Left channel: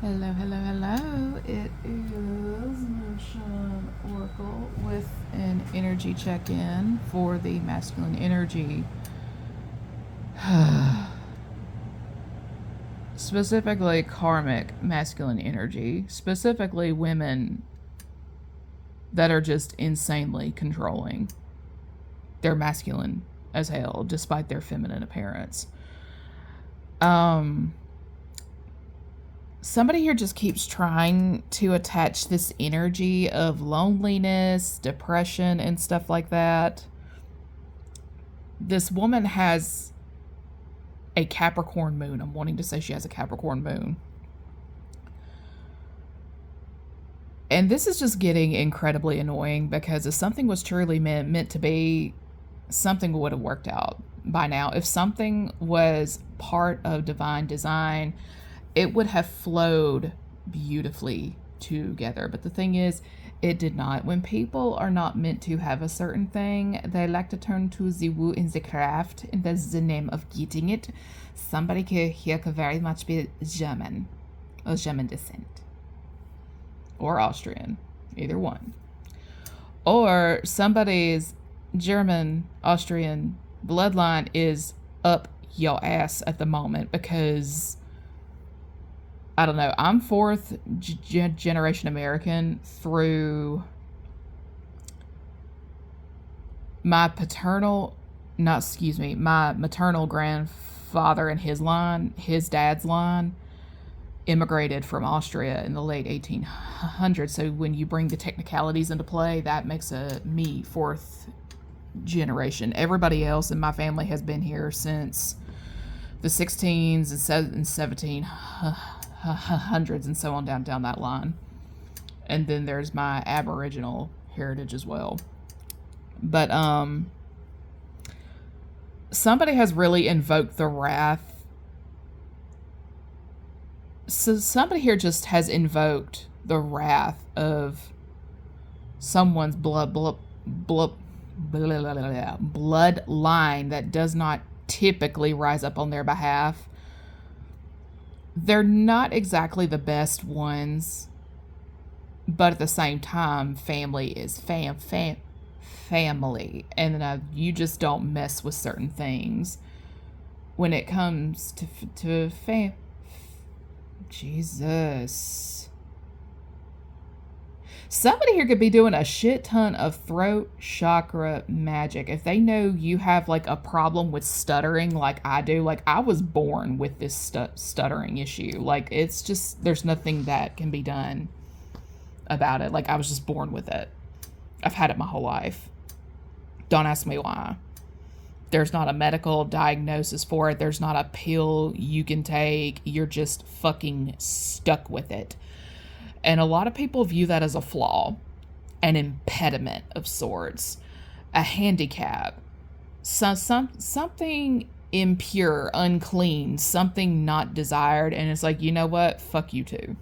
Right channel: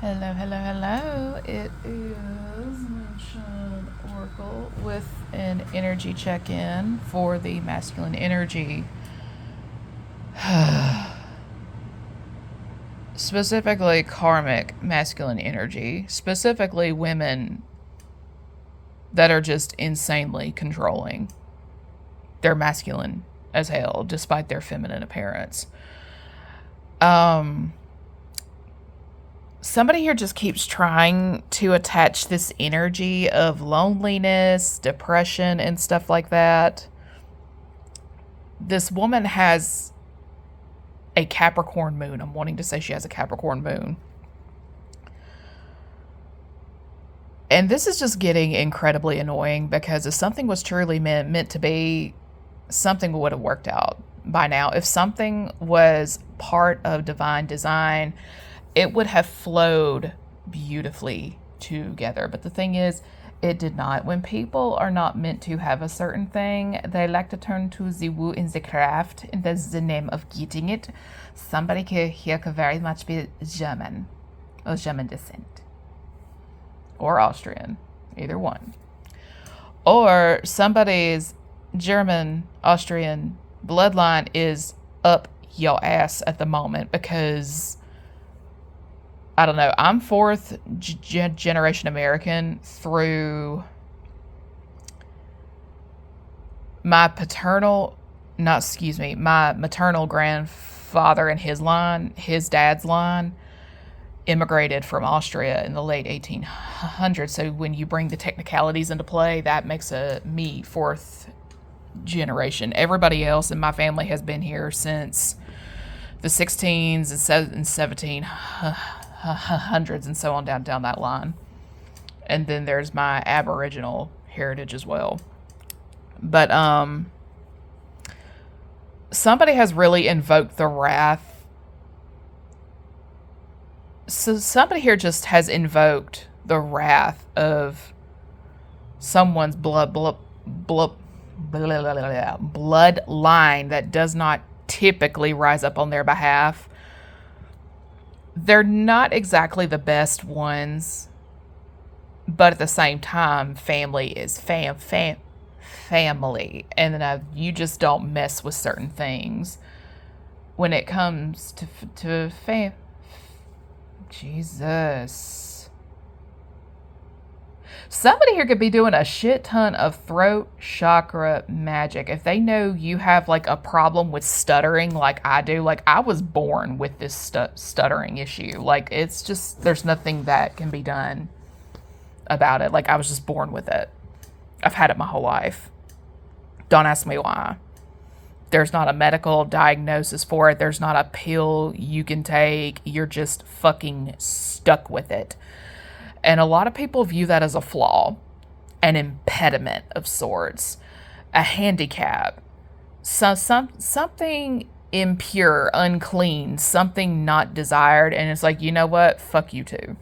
Hello, hello, hello. It is Moonshine Oracle with an energy check in for the masculine energy. Specifically, karmic masculine energy. Specifically, women that are just insanely controlling. They're masculine as hell, despite their feminine appearance. Somebody here just keeps trying to attach this energy of loneliness, depression, and stuff like that. This woman has a Capricorn moon. I'm wanting to say she has a Capricorn moon. And this is just getting incredibly annoying because if something was truly meant to be, something would have worked out by now. If something was part of divine design, it would have flowed beautifully together. But the thing is, it did not. When people are not meant to have a certain thing, they like to turn to the woo in the craft, and that's the name of getting it. Somebody here could very much be German, or German descent, or Austrian, either one. Or somebody's German, Austrian bloodline is up your ass at the moment because I don't know. I'm fourth generation American through my my maternal grandfather and his line, his dad's line, immigrated from Austria in the late 1800s. So when you bring the technicalities into play, that makes me fourth generation. Everybody else in my family has been here since the 16s and 1700s and so on down that line. And then there's my Aboriginal heritage as well. But somebody has really invoked the wrath. So somebody here just has invoked the wrath of someone's bloodline that does not typically rise up on their behalf. They're not exactly the best ones, but at the same time, family is family, and you just don't mess with certain things when it comes to Jesus. Somebody here could be doing a shit ton of throat chakra magic. If they know you have like a problem with stuttering like I do, like I was born with this stuttering issue. Like it's just, there's nothing that can be done about it. Like I was just born with it. I've had it my whole life. Don't ask me why. There's not a medical diagnosis for it. There's not a pill you can take. You're just fucking stuck with it. And a lot of people view that as a flaw, an impediment of sorts, a handicap, something impure, unclean, something not desired. And it's like, you know what? Fuck you too.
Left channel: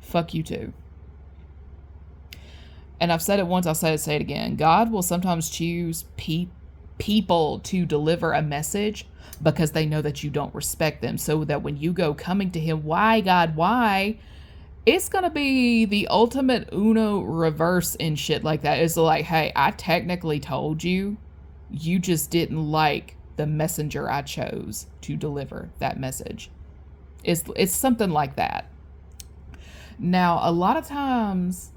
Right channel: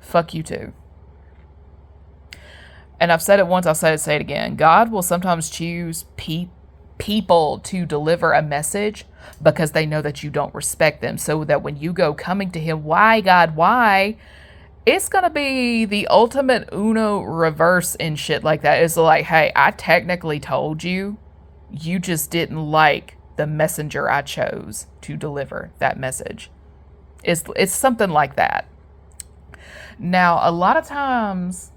Fuck you too. And I've said it once, I'll say it again. God will sometimes choose people to deliver a message because they know that you don't respect them. So that when you go coming to him, why, God, why? It's going to be the ultimate Uno reverse and shit like that. It's like, hey, I technically told you, you just didn't like the messenger I chose to deliver that message. It's something like that. Now, a lot of times,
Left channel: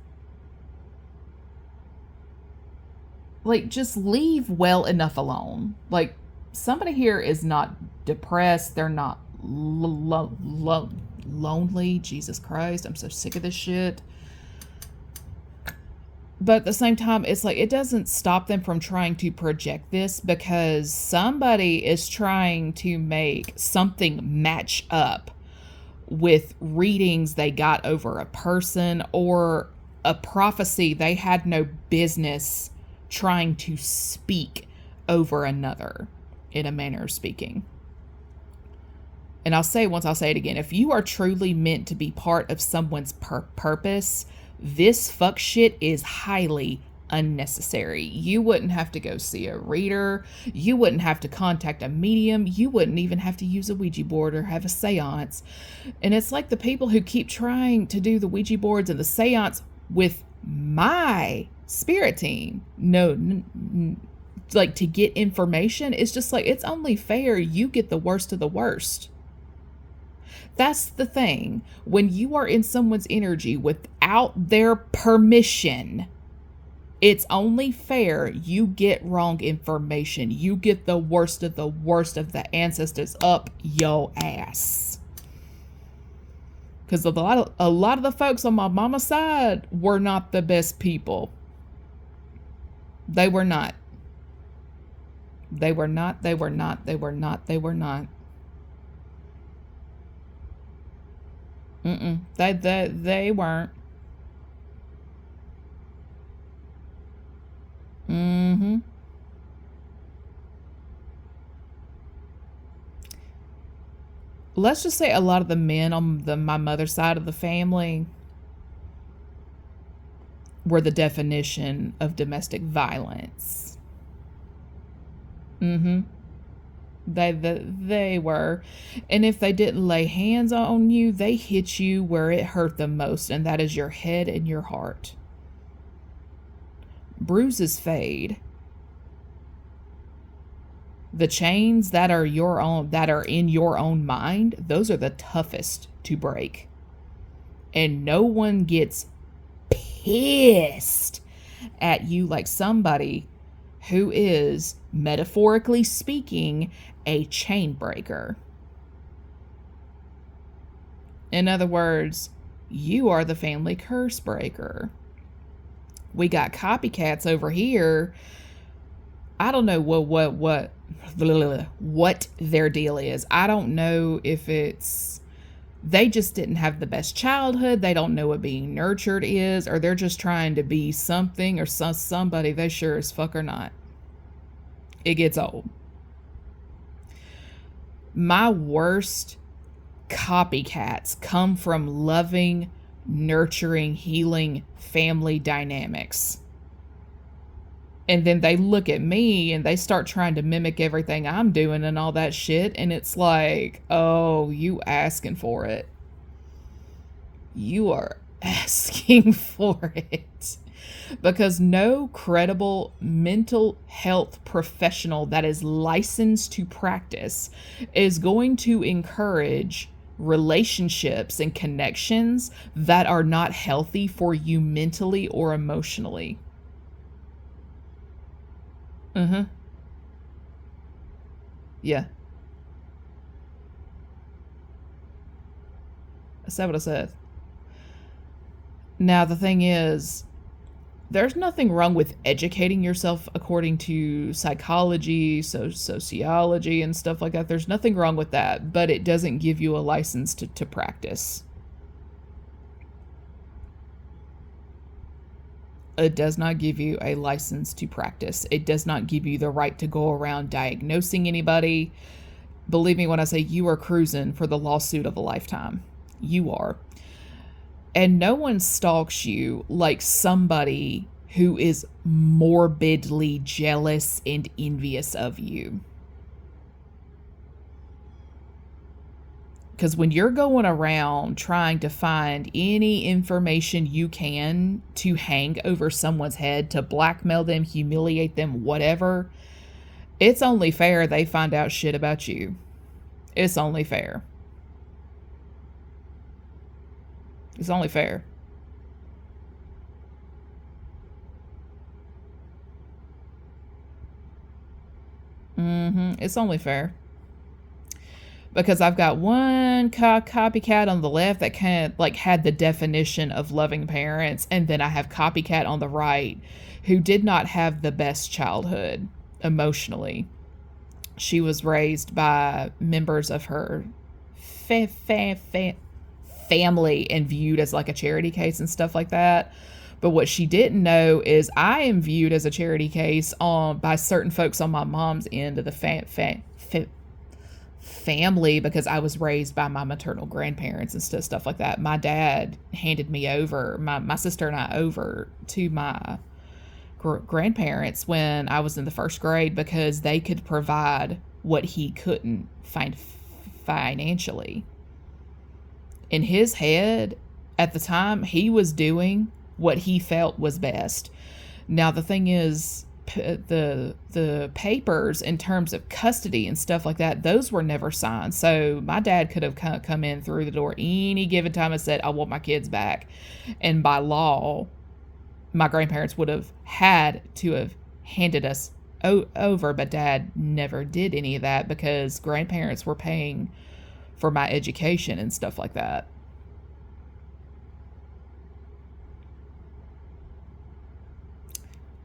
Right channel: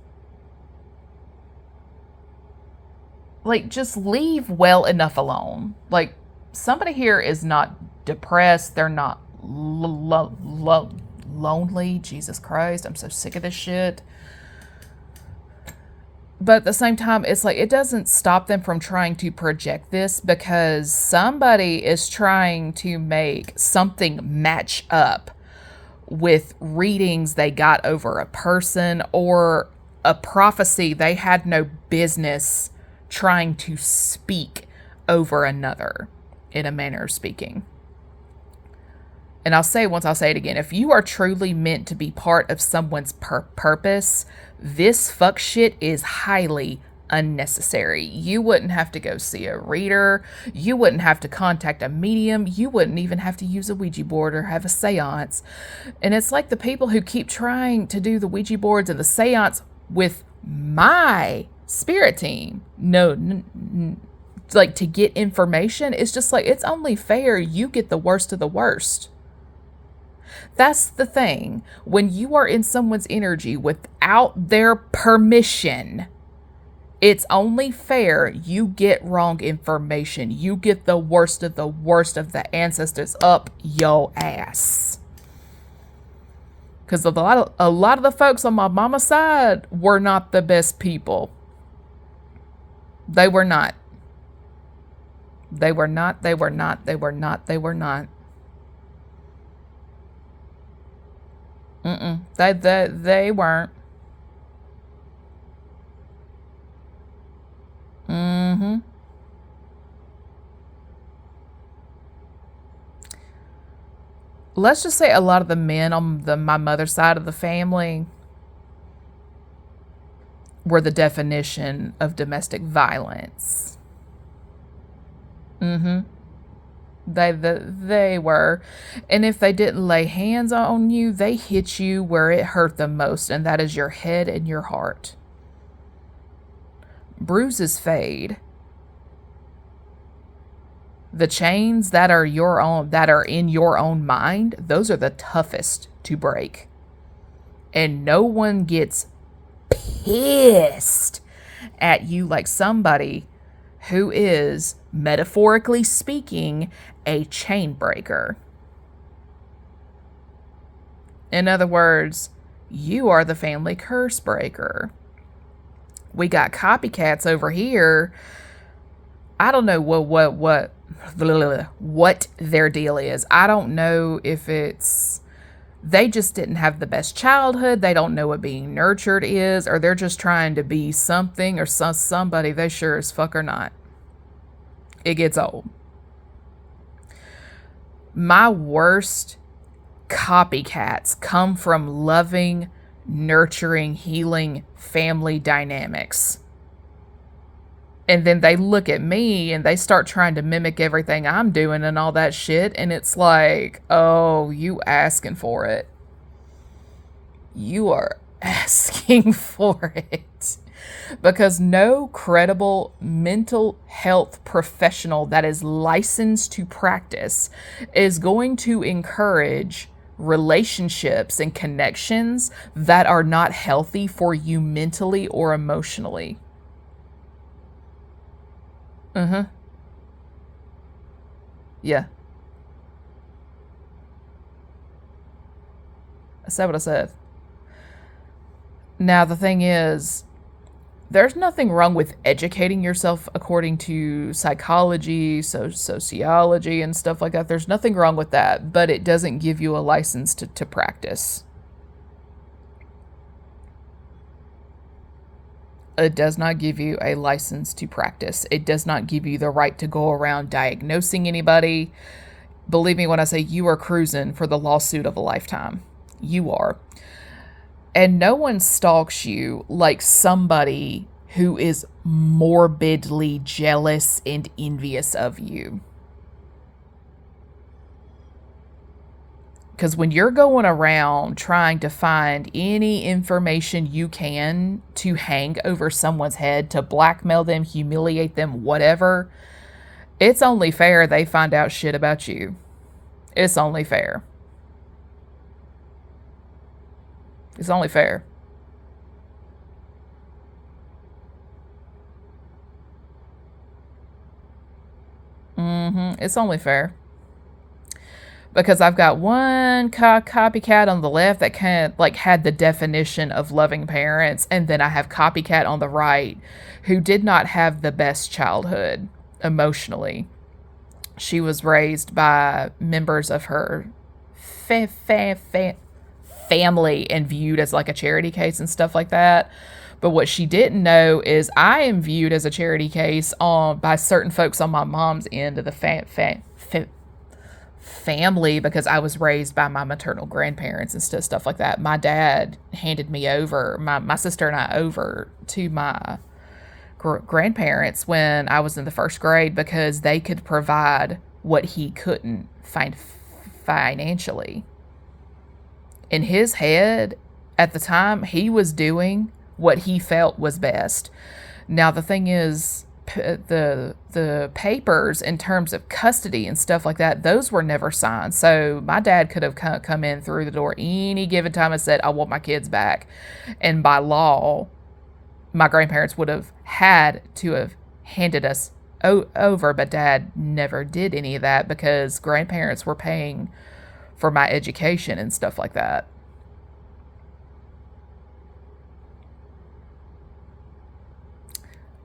like, just leave well enough alone. Like, somebody here is not depressed. They're not lonely. Jesus Christ, I'm so sick of this shit. But at the same time, it's like it doesn't stop them from trying to project this because somebody is trying to make something match up with readings they got over a person or a prophecy they had no business trying to speak over another, in a manner of speaking. And I'll say it once, I'll say it again. If you are truly meant to be part of someone's purpose, this fuck shit is highly, unnecessary. You wouldn't have to go see a reader. You wouldn't have to contact a medium. You wouldn't even have to use a Ouija board or have a seance. And it's like the people who keep trying to do the Ouija boards and the seance with my spirit team. Like to get information. It's just like, it's only fair you get the worst of the worst. That's the thing. When you are in someone's energy without their permission, it's only fair you get wrong information. You get the worst of the ancestors up your ass. Because a lot of the folks on my mama's side were not the best people. They were not. They were not. They were not. They were not. They were not. They weren't. Mm-hmm. Let's just say a lot of the men on my mother's side of the family were the definition of domestic violence. Mm-hmm. They were. And if they didn't lay hands on you, they hit you where it hurt the most, and that is your head and your heart. Bruises fade. The chains that are in your own mind, those are the toughest to break. And no one gets pissed at you like somebody who is, metaphorically speaking, a chain breaker. In other words, you are the family curse breaker. We got copycats over here. I don't know what their deal is. I don't know if it's they just didn't have the best childhood. They don't know what being nurtured is, or they're just trying to be something or somebody they sure as fuck are not. It gets old. My worst copycats come from loving, nurturing, healing family dynamics. And then they look at me and they start trying to mimic everything I'm doing and all that shit. And it's like, oh, you asking for it. You are asking for it. Because no credible mental health professional that is licensed to practice is going to encourage relationships and connections that are not healthy for you mentally or emotionally. Yeah. I said what I said. Now, the thing is, there's nothing wrong with educating yourself according to psychology, sociology, and stuff like that. There's nothing wrong with that, but it doesn't give you a license to practice. It does not give you a license to practice. It does not give you the right to go around diagnosing anybody. Believe me when I say you are cruising for the lawsuit of a lifetime. You are. And no one stalks you like somebody who is morbidly jealous and envious of you. Because when you're going around trying to find any information you can to hang over someone's head, to blackmail them, humiliate them, whatever, it's only fair they find out shit about you. It's only fair. It's only fair. It's only fair. Because I've got one copycat on the left that kind of like had the definition of loving parents, and then I have copycat on the right who did not have the best childhood emotionally. She was raised by members of her family and viewed as like a charity case and stuff like that. But what she didn't know is I am viewed as a charity case by certain folks on my mom's end of the family, because I was raised by my maternal grandparents and stuff like that. My dad handed me over, my sister and I over to my grandparents when I was in the first grade because they could provide what he couldn't find financially. In his head, at the time, he was doing what he felt was best. Now, the thing is, the papers in terms of custody and stuff like that, those were never signed. So my dad could have come in through the door any given time and said, I want my kids back. And by law, my grandparents would have had to have handed us over, but dad never did any of that because grandparents were paying for my education and stuff like that.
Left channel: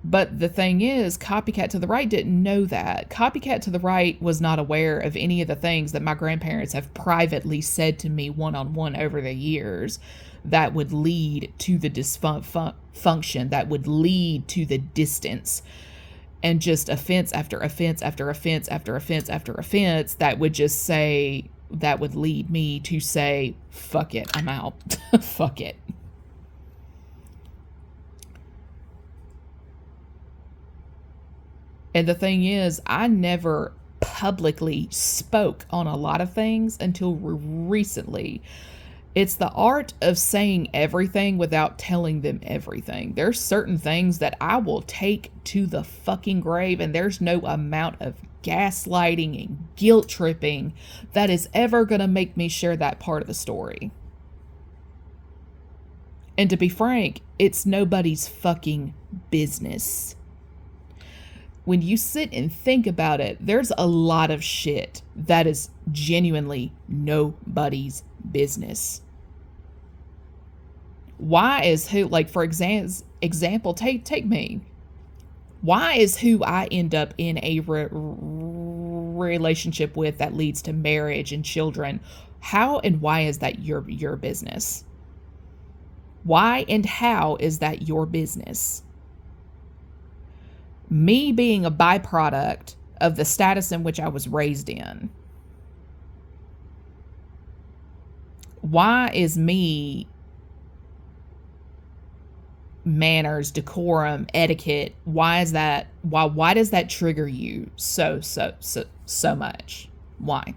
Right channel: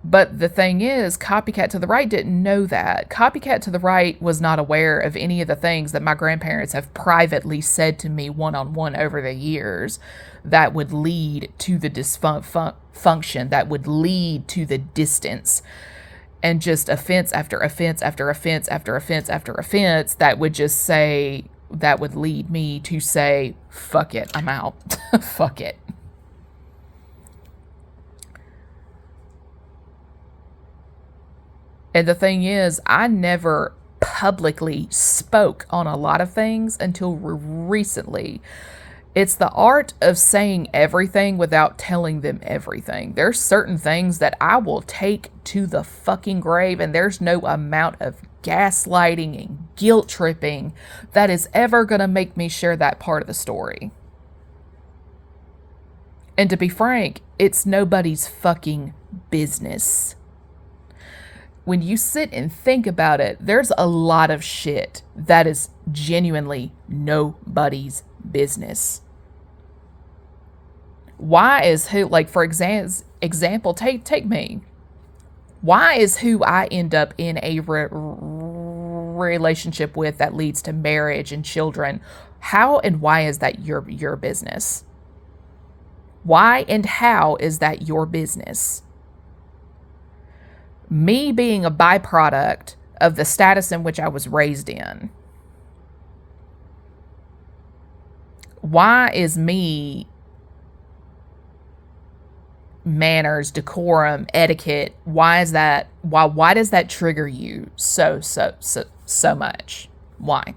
But the thing is, Copycat to the Right didn't know that. Copycat to the Right was not aware of any of the things that my grandparents have privately said to me one-on-one over the years that would lead to the dysfunction, that would lead to the distance, and just offense after offense after offense after offense after offense that would just say, that would lead me to say, fuck it, I'm out. Fuck it. And the thing is, I never publicly spoke on a lot of things until recently. It's the art of saying everything without telling them everything. There's certain things that I will take to the fucking grave, and there's no amount of gaslighting and guilt tripping that is ever going to make me share that part of the story. And to be frank, it's nobody's fucking business. When you sit and think about it, there's a lot of shit that is genuinely nobody's business. Why is who, like, for example, take me. Why is who I end up in a relationship with that leads to marriage and children, how and why is that your business? Why and how is that your business? Me being a byproduct of the status in which I was raised in. Why is me manners, decorum, etiquette, why does that trigger you so much? Why?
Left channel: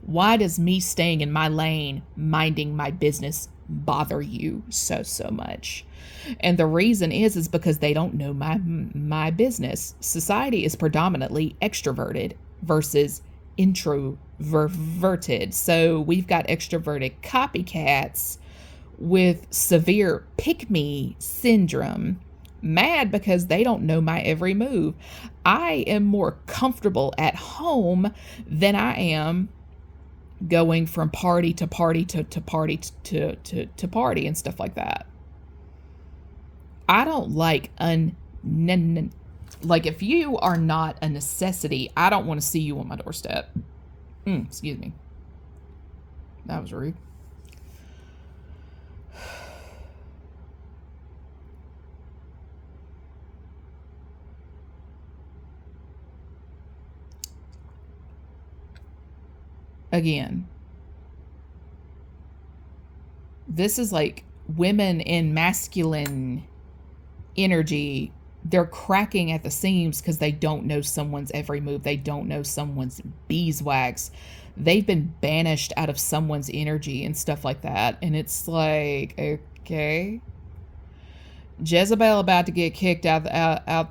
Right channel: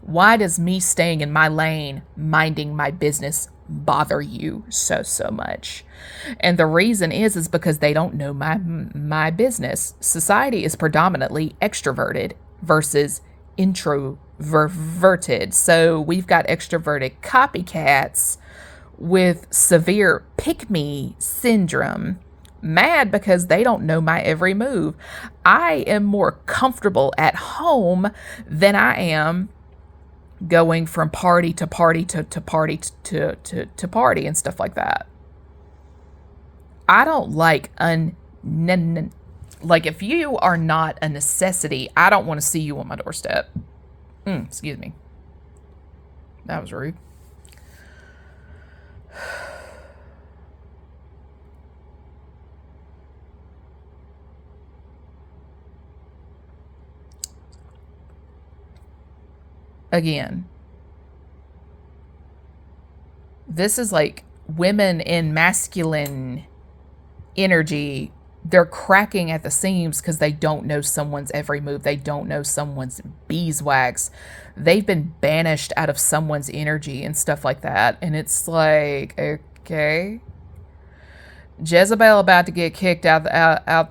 Why does me staying in my lane, minding my business, bother you so much? And the reason is because they don't know my business. Society is predominantly extroverted versus introverted. So we've got extroverted copycats with severe pick-me syndrome, mad because they don't know my every move. I am more comfortable at home than I am going from party to party to party to party and stuff like that. I don't like like, if you are not a necessity, I don't want to see you on my doorstep. Excuse me. That was rude. Again, this is like women in masculine energy. They're cracking at the seams because they don't know someone's every move. They don't know someone's beeswax. They've been banished out of someone's energy and stuff like that. And it's like, okay. Jezebel about to get kicked out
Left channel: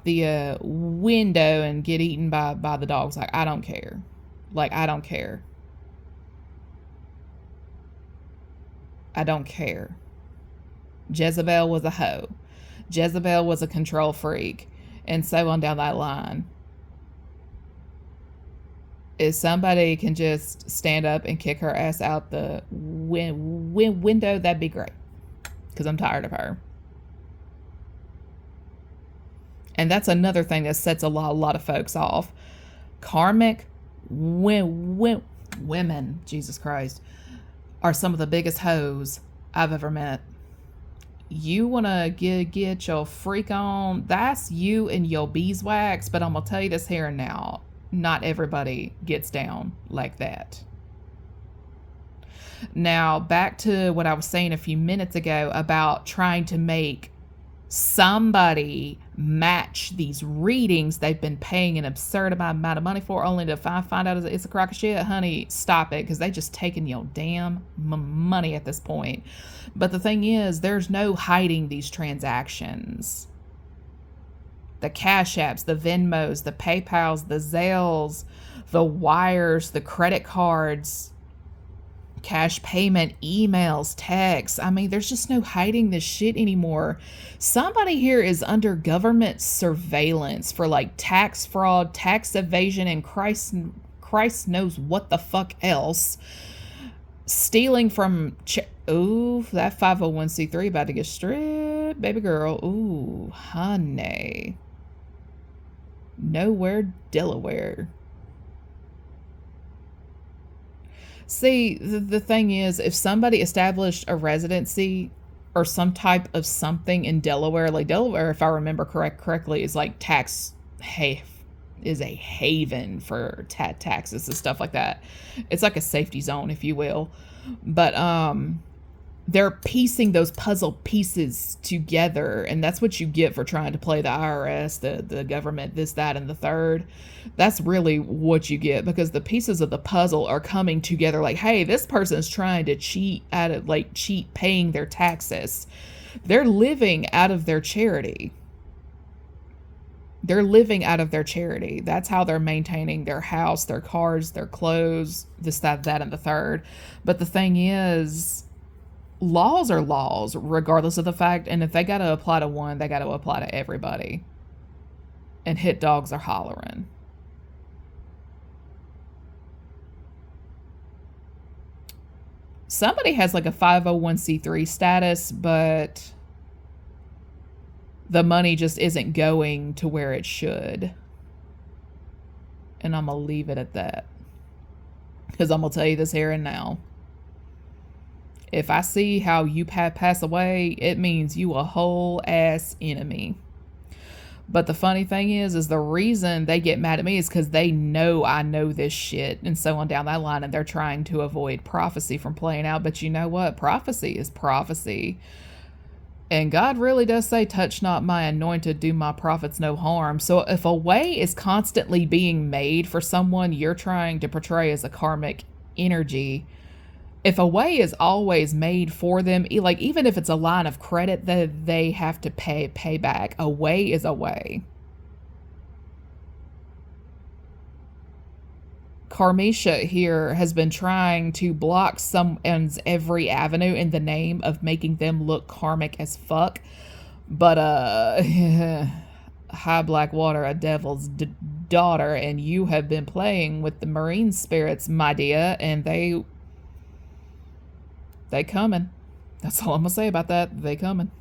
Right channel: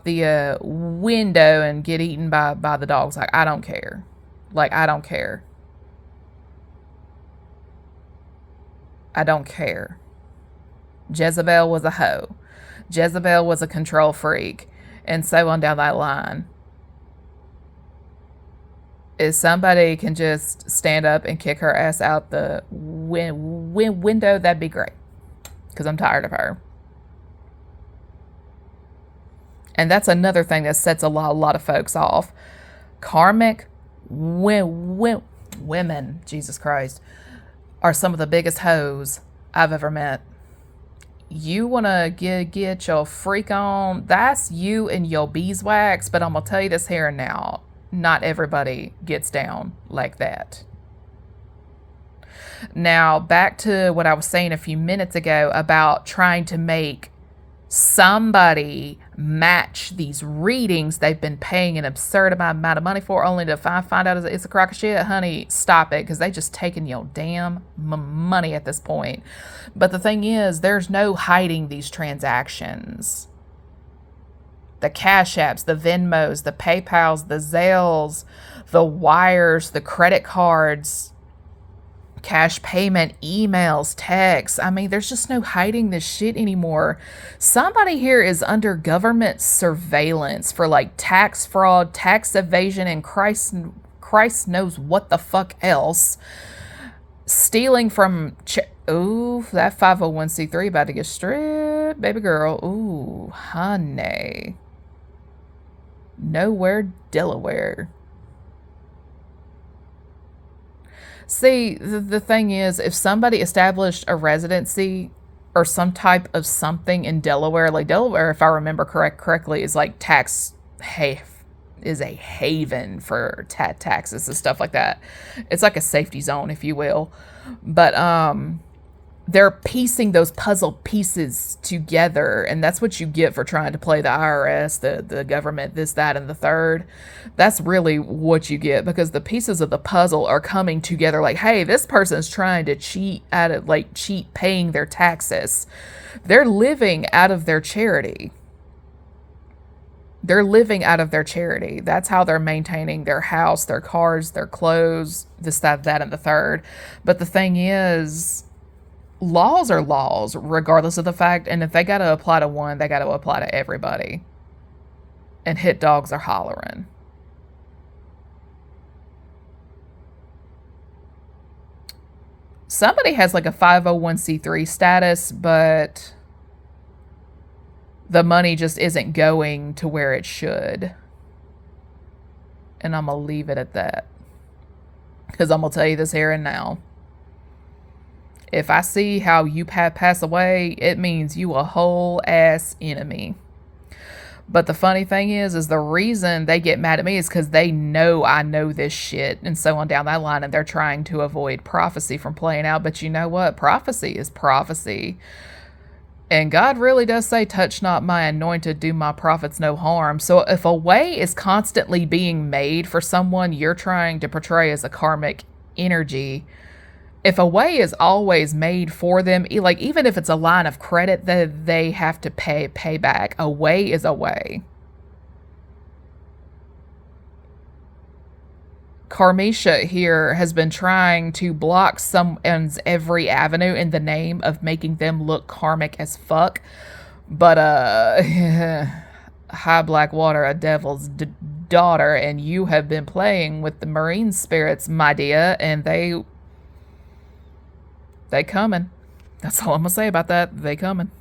the window and get eaten by the dogs. Like, I don't care. I don't care. I don't care. Jezebel was a hoe. Jezebel was a control freak, and so on down that line. If somebody can just stand up and kick her ass out the window, that'd be great, because I'm tired of her. And that's another thing that sets a lot of folks off. Karmic women, Jesus Christ, are some of the biggest hoes I've ever met. You want to get your freak on, that's you and your beeswax, but I'm going to tell you this here and now, not everybody gets down like that. Now, back to what I was saying a few minutes ago about trying to make somebody match these readings they've been paying an absurd amount of money for, only to find out it's a crock of shit. Honey, stop it, because they just taking your damn money at this point. But the thing is, there's no hiding these transactions. The Cash Apps, the Venmos, the PayPals, the Zelles, the wires, the credit cards, cash payment, emails, texts. I mean, there's just no hiding this shit anymore. Somebody here is under government surveillance for like tax fraud, tax evasion, and Christ knows what the fuck else. Stealing from ooh, that 501c3 about to get stripped, baby girl. Ooh, honey. Nowhere, Delaware. See, the thing is, if somebody established a residency or some type of something in Delaware, like Delaware, if I remember correctly, is like is a haven for taxes and stuff like that. It's like a safety zone, if you will. But they're piecing those puzzle pieces together, and that's what you get for trying to play the IRS, the government, this, that, and the third. That's really what you get, because the pieces of the puzzle are coming together like, hey, this person's trying to cheat paying their taxes. They're living out of their charity. They're living out of their charity. That's how they're maintaining their house, their cars, their clothes, this, that, and the third. But the thing is, laws are laws, regardless of the fact, and if they got to apply to one, they got to apply to everybody. And hit dogs are hollering. Somebody has like a 501c3 status, but the money just isn't going to where it should. And I'm going to leave it at that, because I'm going to tell you this here and now. If I see how you pass away, it means you a whole ass enemy. But the funny thing is the reason they get mad at me is because they know I know this shit and so on down that line, and they're trying to avoid prophecy from playing out. But you know what? Prophecy is prophecy. And God really does say, touch not my anointed, do my prophets no harm. So if a way is constantly being made for someone you're trying to portray as a karmic energy, if a way is always made for them, like even if it's a line of credit that they have to pay back, a way is a way. Karmisha here has been trying to block someone's every avenue in the name of making them look karmic as fuck. But high black water, a devil's daughter, and you have been playing with the marine spirits, my dear, and they coming. That's all I'm gonna say about that. They coming.